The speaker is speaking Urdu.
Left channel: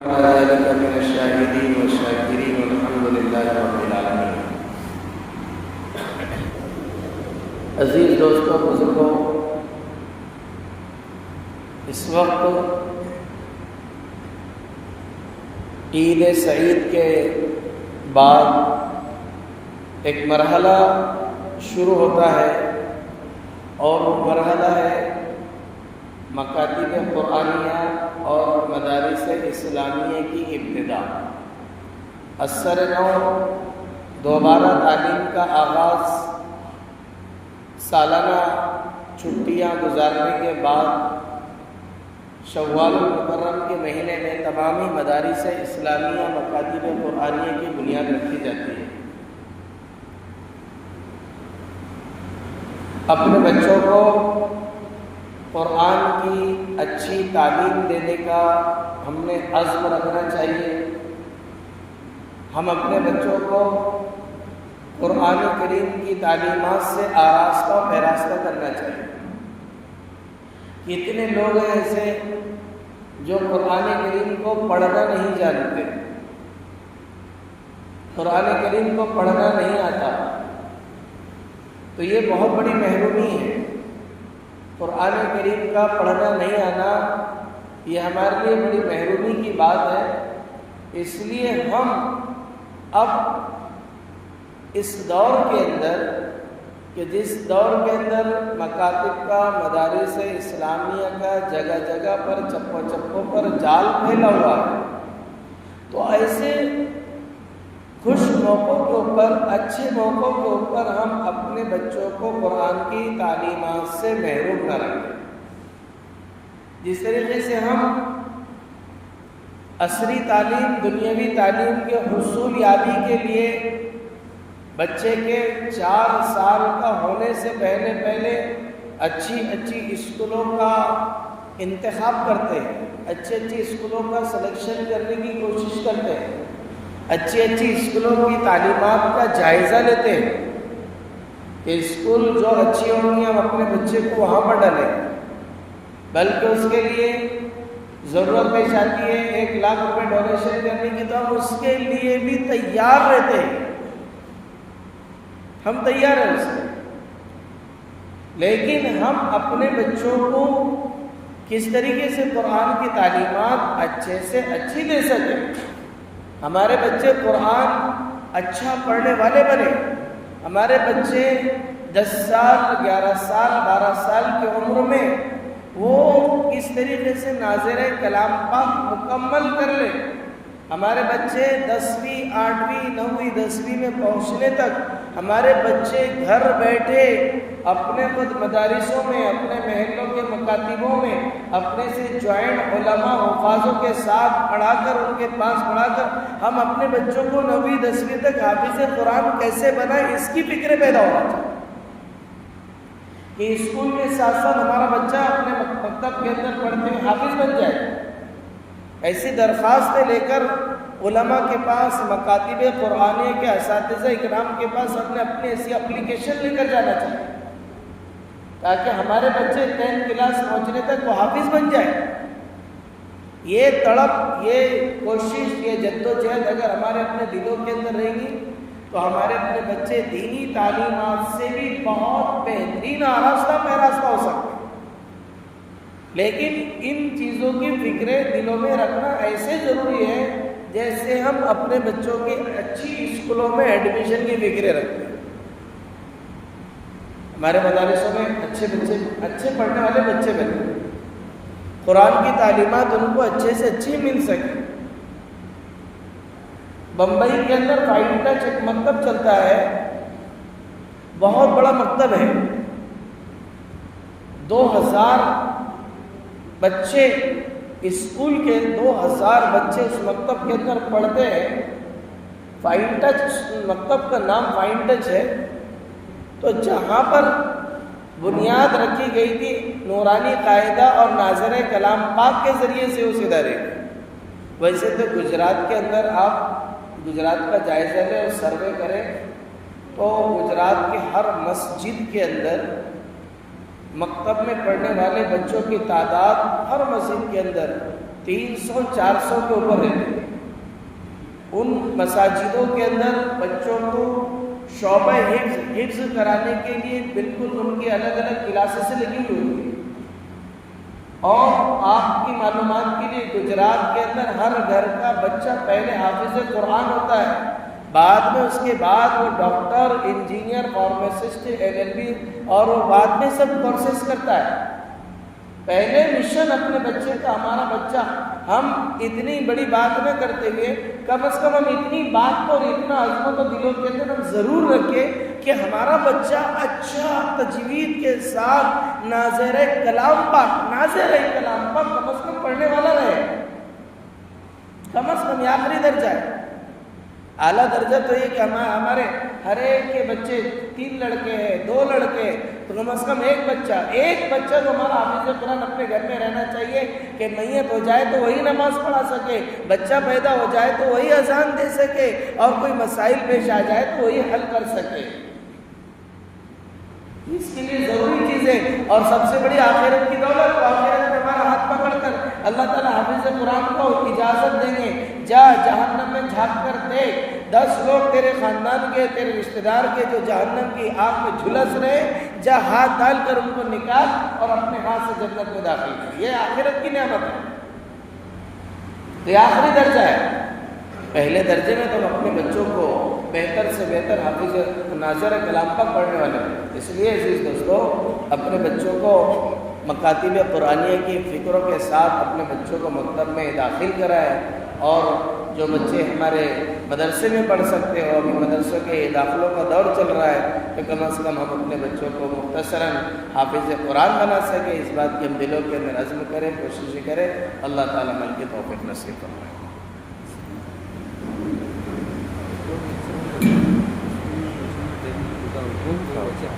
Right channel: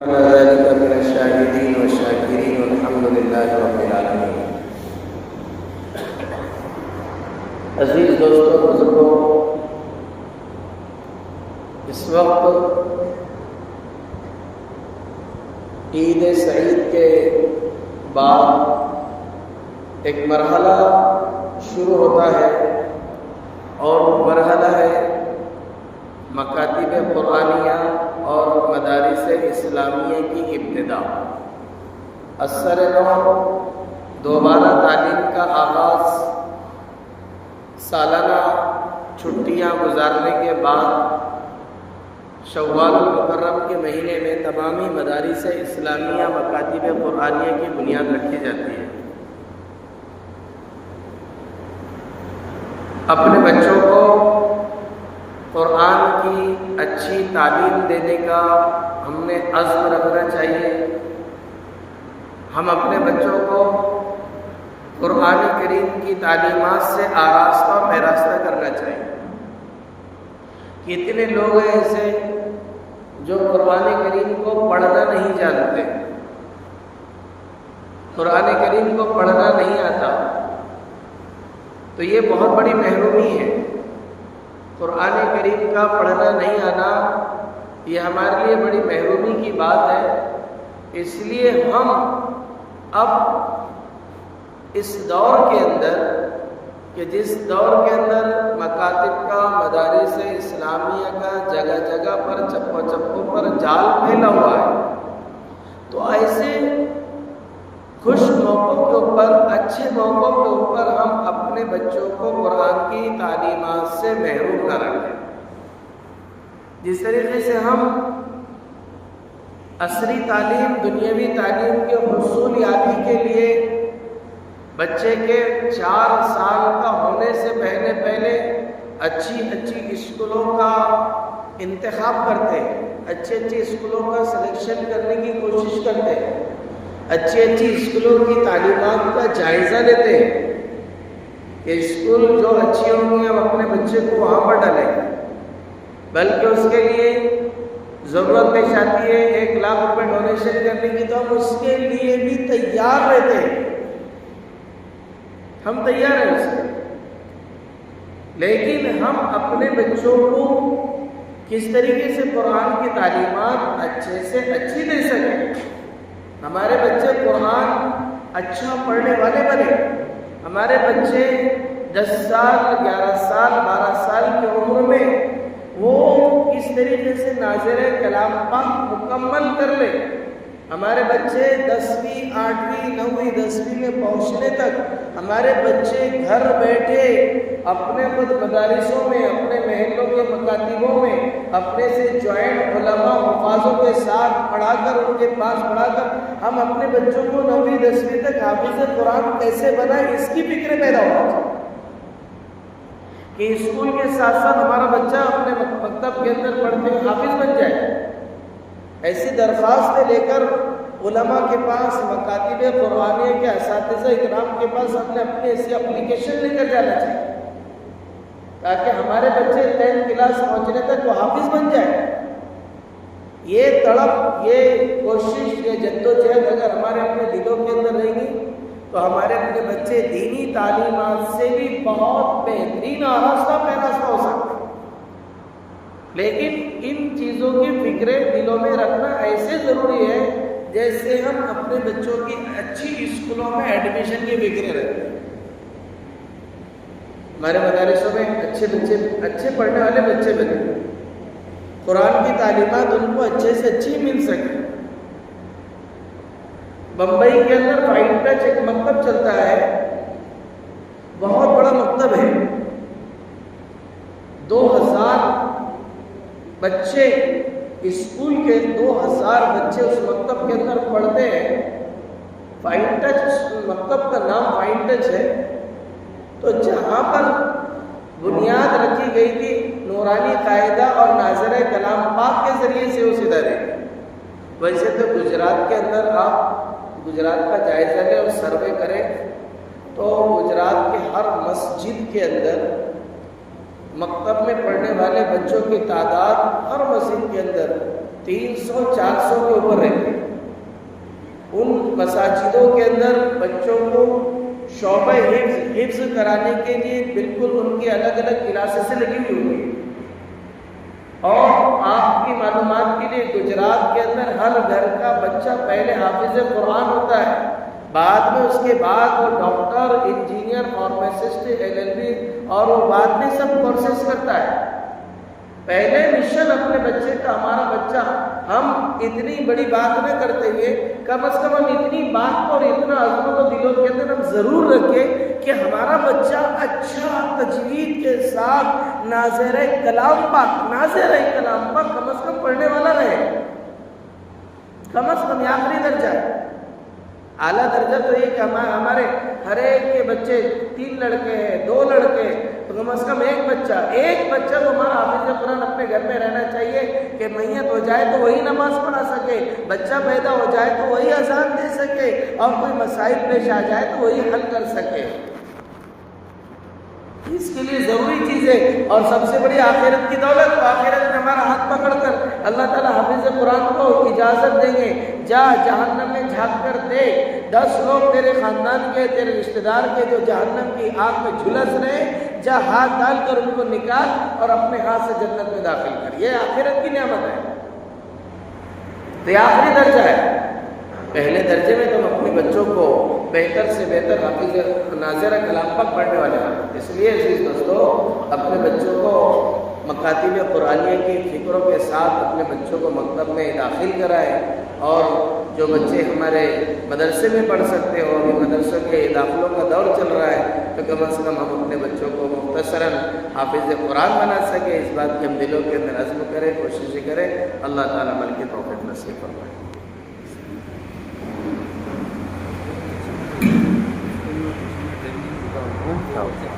على ذلك من الشاهدين والشاكرين والحمد لله رب العالمين۔ عزیز دوستوں، بزرگوں، اس وقت عید سعید کے بعد ایک مرحلہ شروع ہوتا ہے اور وہ مرحلہ ہے مکاتب قرآنیہ اور مدارس اسلامیہ کی ابتدا۔ اثر نو دوبارہ تعلیم کا آغاز سالانہ چھٹیاں گزارنے کے بعد شوال المکرم کے مہینے میں تمامی مدارس اسلامیہ مکاتب قرآنیہ کی بنیاد رکھی جاتی ہے۔ اپنے بچوں کو قرآن کی اچھی تعلیم دینے کا ہم نے عزم رکھنا چاہیے۔ ہم اپنے بچوں کو قرآن کریم کی تعلیمات سے آراستہ و پیراستہ کرنا چاہیے۔ کتنے لوگ ہیں ایسے جو قرآن کریم کو پڑھنا نہیں جانتے، قرآن کریم کو پڑھنا نہیں آتا، تو یہ بہت بڑی محرومی ہے۔ قرآن کریم کا پڑھنا نہیں آنا یہ ہمارے لیے بڑی محرومی کی بات ہے۔ اس لیے ہم اب اس دور کے اندر کہ جس دور کے اندر مکاتب کا، مدارس اسلامیہ کا جگہ جگہ پر چپوں چپوں پر جال پھیلا ہوا ہے، تو ایسے خوش موقعوں کے اوپر، اچھے موقعوں کے اوپر ہم اپنے بچوں کو قرآن کی تعلیمات سے محروم نہ رکھیں۔ جس طریقے سے ہم عصری تعلیم، دنیاوی تعلیم کے حصول یابی کے لیے بچے کے 4 سال کا ہونے سے پہلے اچھی اسکولوں کا انتخاب کرتے ہیں، اچھی اسکولوں کا سلیکشن کرنے کی کوشش کرتے ہیں، اچھی اسکولوں کی تعلیمات کا جائزہ لیتے ہیں کہ اسکول جو اچھی ہوں گی ہم اپنے بچے کو وہاں پر ڈالیں، بلکہ اس کے لیے ضرورت پیش آتی ہے 1 لاکھ روپے ڈونیشن کرنے کی، تو ہم اس کے لیے بھی تیار رہتے ہیں، ہم تیار ہیں اس کے، لیکن ہم اپنے بچوں کو کس طریقے سے قرآن کی تعلیمات اچھے سے اچھی دے سکیں، ہمارے بچے قرآن اچھا پڑھنے والے بنے، ہمارے بچے 10 سال، 11 سال، 12 سال کی عمر میں وہ اس طریقے سے ناظر کلام پاک مکمل کر لیں، ہمارے بچے 10ویں، 8ویں، 9ویں، 10ویں میں پہنچنے تک ہمارے بچے گھر بیٹھے اپنے خود مدارسوں میں، اپنے محلوں کے مکاتبوں میں اپنے سے جوائنٹ علماء حفاظوں کے ساتھ پڑھا کر، ان کے پاس پڑھا کر ہم اپنے بچوں کو 9ویں 10ویں تک حافظ قرآن کیسے بنائیں، اس کی فکر پیدا ہو کہ اسکول کے ساتھ ساتھ ہمارا بچہ اپنے مکتب کے اندر پڑھتے حافظ بن جائے۔ ایسی درخواستیں لے کر علماء کے پاس، مکاتب قرآنیہ کے اساتذہ اکرام کے پاس اپنی ایسی اپلیکیشن لے کر جانا چاہیے تاکہ ہمارے بچے 10th کلاس پہنچنے تک وہ حافظ بن جائے۔ یہ تڑپ، یہ کوشش، یہ جدوجہد اگر ہمارے اپنے دلوں کے اندر رہیں گی تو ہمارے اپنے بچے دینی تعلیمات سے بھی بہت بہترین آراستہ پیراستہ ہو سکتے ہیں۔ لیکن ان چیزوں کی فکریں دلوں میں رکھنا ایسے ضروری ہے جیسے ہم اپنے بچوں کی اچھی اسکولوں میں ایڈمیشن کی فکریں رکھتے ہیں۔ ہمارے مدارسوں میں اچھے پڑھنے والے بچے بنے، قرآن کی تعلیمات ان کو اچھے سے اچھی مل سکے۔ بمبئی کے اندر فائن ٹچ ایک مکتب چلتا ہے، بہت بڑا مکتب ہے، 2000 بچے اسکول کے 2000 بچے اس مکتب کے اندر پڑھتے ہیں۔ فائن ٹچ مکتب کا نام فائن ٹچ ہے۔ تو جہاں پر بنیاد رکھی گئی تھی نورانی قاعدہ اور ناظر کلام پاک کے ذریعے سے اس ادارے کی، ویسے تو گجرات کے اندر آپ گجرات کا جائزہ لیں اور سروے کریں تو گجرات کے ہر مسجد کے اندر مکتب میں پڑھنے والے بچوں کی تعداد ہر مسجد کے اندر 300-400 کے اوپر رہتے ہیں۔ ان مساجدوں کے اندر بچوں کو شعبہ حفظ کرانے کے لیے بالکل ان کی الگ الگ کلاسز سے لگی ہوئی ہوتی ہے۔ اور آپ کی معلومات کے لیے گجرات کے اندر ہر گھر کا بچہ پہلے حافظ قرآن ہوتا ہے، بعد میں اس کے بعد وہ ڈاکٹر، انجینئر، فارماسسٹ، LLB اور وہ بعد میں سب کورسز کرتا ہے۔ پہلے مشن اپنے بچے کا، ہمارا بچہ، ہم اتنی بڑی بات نہ کرتے ہوئے کم از کم ہم اتنی بات کو اور اتنا عزم و دلوں کے اندر ہم ضرور رکھیں کہ ہمارا بچہ اچھا تجوید کے ساتھ ناظر کلام پاک کم از کم پڑھنے والا رہے، کم از کم یہ آخری درجہ ہے۔ اعلیٰ درجہ تو یہ کہ ہمارے ہر ایک کے بچے 3 لڑکے ہیں، 2 لڑکے، تو کم از کم ایک بچہ تو ہمارا حافظ قرآن اپنے گھر میں رہنا چاہیے کہ میت ہو جائے تو وہی نماز پڑھا سکے، بچہ پیدا ہو جائے تو وہی اذان دے سکے، اور کوئی مسائل پیش آ جائے تو وہی حل کر سکے۔ اس کے لیے ضروری چیز ہے، اور سب سے بڑی آخرت کی دولت، تو آخرت میں ہمارا ہاتھ پکڑ کر اللہ تعالیٰ حافظ قرآن کو اجازت دیں گے، جا جہنم میں جھانک کر دیکھ، 10 لوگ تیرے خاندان کے، تیرے رشتہ دار کے جو جہنم کی آگ میں جھلس رہے، جا ہاتھ ڈال کر ان کو نکال اور اپنے ہاتھ سے جنت میں داخل کر۔ یہ آخرت کی نعمت ہے، تو یہ آخری درجہ ہے۔ پہلے درجے میں تم اپنے بچوں کو بہتر سے بہتر حافظ ناظر کلام پاک پڑھنے والا ہے۔ اس لیے عزیز دوستو، اپنے بچوں کو مکاتب قرآنیہ کی فکروں کے ساتھ اپنے بچوں کو مکتب میں داخل کرائے، اور جو بچے ہمارے مدرسے میں پڑھ سکتے ہو، ابھی مدرسوں کے داخلوں کا دور چل رہا ہے، تو کم از کم ہم اپنے بچوں کو مختصراً حافظ قرآن بنا سکے، اس بات کی ہم دلوں کے اندر عزم کریں، کوشش کریں۔ اللہ تعالیٰ عمل کی توفیق نصیب فرمائے۔ Gracias.